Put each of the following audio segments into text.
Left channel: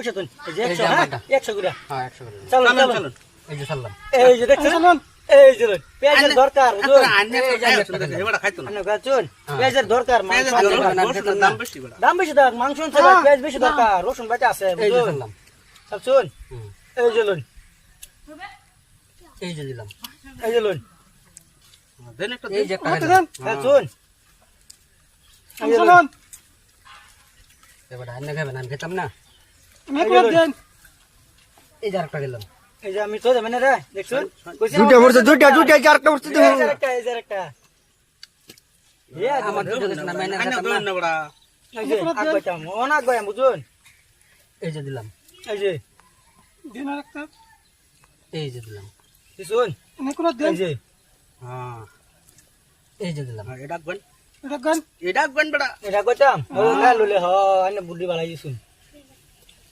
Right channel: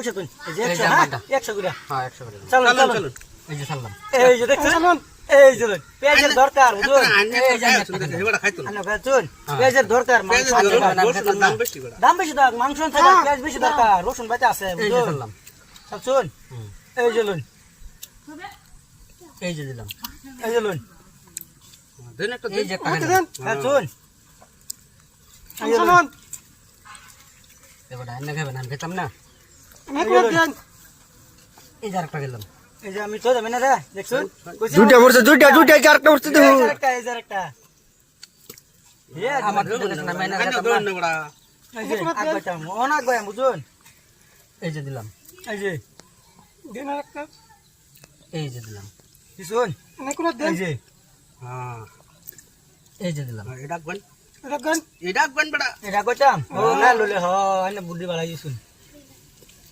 পয়সা তুই এই যে এই একশো যে হ্যাঁ আমারটা। একশো করে হ্যাঁ একশো করে চলুন চলুন এই যে ছাড়লাম এই যে দেখছেন এই যে পেঁয়াজের দরকার বুঝুন এই যে এবারে খাইতো না আনে পেঁয়াজের দরকার মাংস দাম- বেশি। দাম মাংস আনছে পেঁয়াজ বেশি দরকার রসুন বাটা আছে এই যে বুঝুন ছাড়লাম খাচ্ছুন এই যে লোন এই যে দিলাম এই যে লোন দেন একটা দেন। একটা এই যে লোন এবার আন্না খাবেন আমি খেতাম না এই যে লোন। এই যে আরেকটা গেলাম এই যে আমি তো যাবেন রে দেখছুন দুইটা পড়ছে দুইটা দুইটা চারটা পড়ছে তো এই যে আরেকটা, এই যে আরেকটা। এই যে আমার দুটো গেছে না আমি আন্না আইনা খেতাম দেন না না এই যে আগবাইতাম, অন আগবাইয়াম, বুঝুন? এই যে দিলাম এই যে, এই যে দিলাম দিছুন? এই যে, হ্যাঁ, এই যে দিলাম হ্যাঁ, এটা আঁকবেন। এটা আঁকবেন বেড়া। এটা কইতাম? ও, না লইলে হ, আইনে বুদ্ধি বাড়াই দিছুন।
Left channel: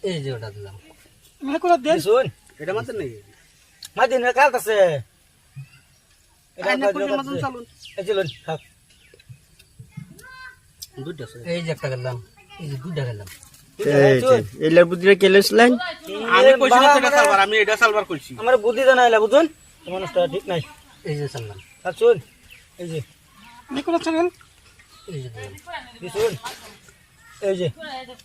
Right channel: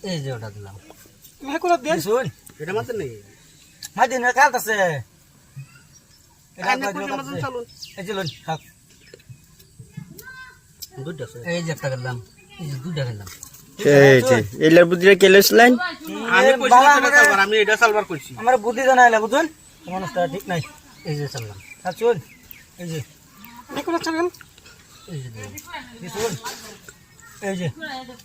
এই যে ওটা দিলাম দিছুন? এটা মাত্র নেই। মাঝে নিয়ে কাট আছে। এটা চালুন। এই যে। আছে। এই যে একটা গেলাম এই যে দুটা গেলাম এলার বুদ্ধিটা আমি কইছি না সালবার, আমি এটা সালবার কইছি। আমার বুদ্ধি জানাইলা বুঝুন মানুষটা ঠিক নাই এই যে খাচ্ছুন? এই যে এই যে দিলাম দিছুন? এই যে। এই যে,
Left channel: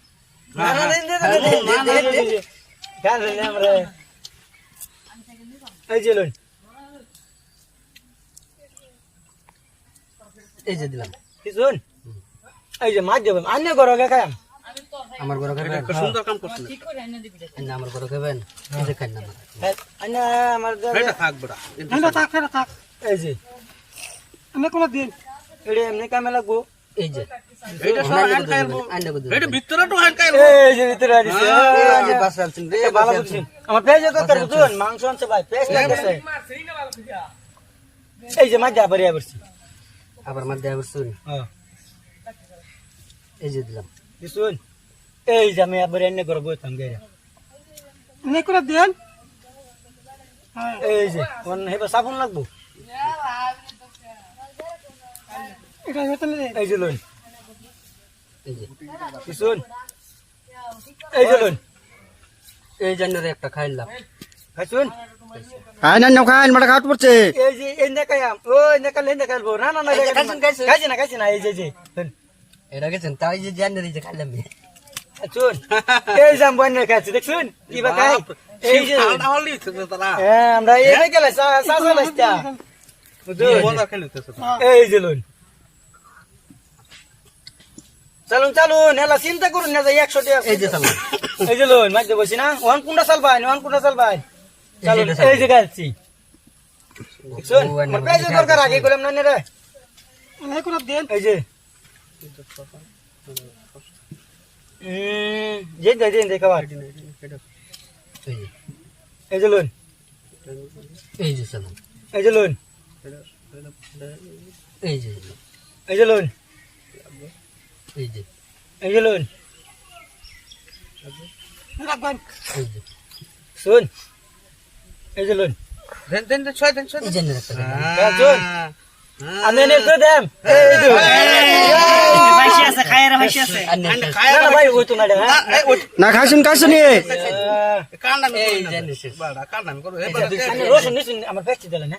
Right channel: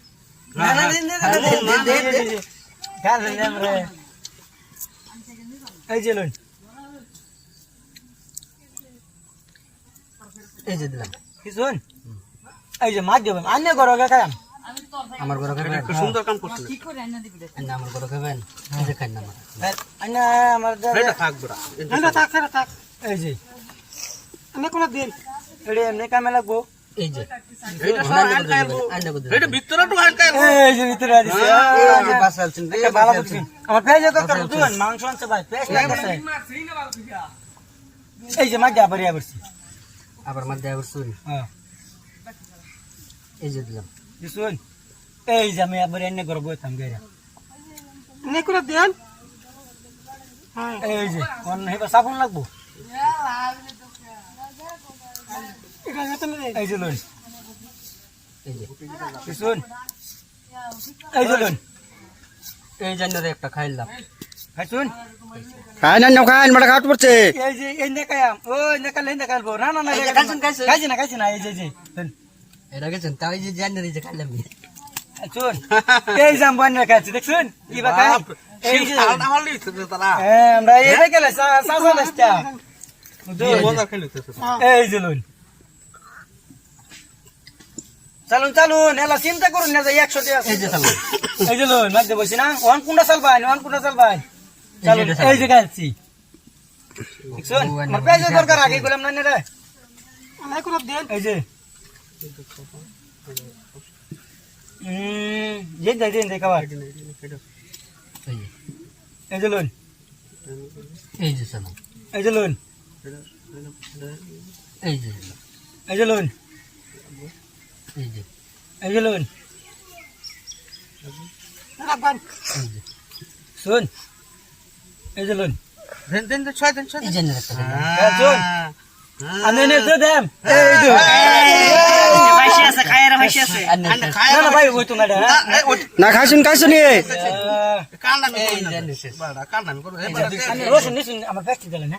এই যে। দিলাম দিছুন? এই যে মাছ দেবেন আন্য করো গে এমনি কামে লাগবো এই যে। আবার মধ্যে আবার শুন হ্যাঁ। এই যে দিলাম। এই যে আমি আবার এনে করব থাম গেরা এই যে সাবুন লাগবো? এই যে লইন এই এই যে লইন এই জন্য একটা খাইলাম খাইছুন খায় না নাও মাটা পড়ছে এই যে এই ও না না না এই যে খাইছুন, খাইছুন। খাইছি না খাইছি না এই যে যে এটা গেছেন তাই যে জানি যে খাইলাম চুন এই যে আমি খাইছি দেখছুন কি বা খাই এই যে। হ্যাঁ আমরা এই গেলে সাসা লাস্টা। এই যে চালুন চালুন এলা চিন্তা করুন না যে একশো টাকা এই যে চাললাম এই যে লোন মাঝে বসি না। ওয়ান কুন্ডা চাল ভাই ওয়ান কুন্ডা চাল ভাই চালুন এই যে গাছি আমার দরকার আগে বললাম না রে? এই যে। এই যে লোন এই যে চালাম এই যে লোন এই যে। এই যে লোন এই যে এই যে লোন যে শুন এই যে লোন দেন দেন দেন, ছয় দেন ছয় দেন। হ্যাঁ, আমি এনে তো দেম এই দো আন্না আন্না খাই খায় না না ভাই ওই তো না রে হ্যাঁ। এই, ওই- না খাইছুন খাইছুন এ আহ, এই বাড়া, কান্না আমি করি। নিছুন আমার ফ্যাক্টরি দিলেন হ্যাঁ।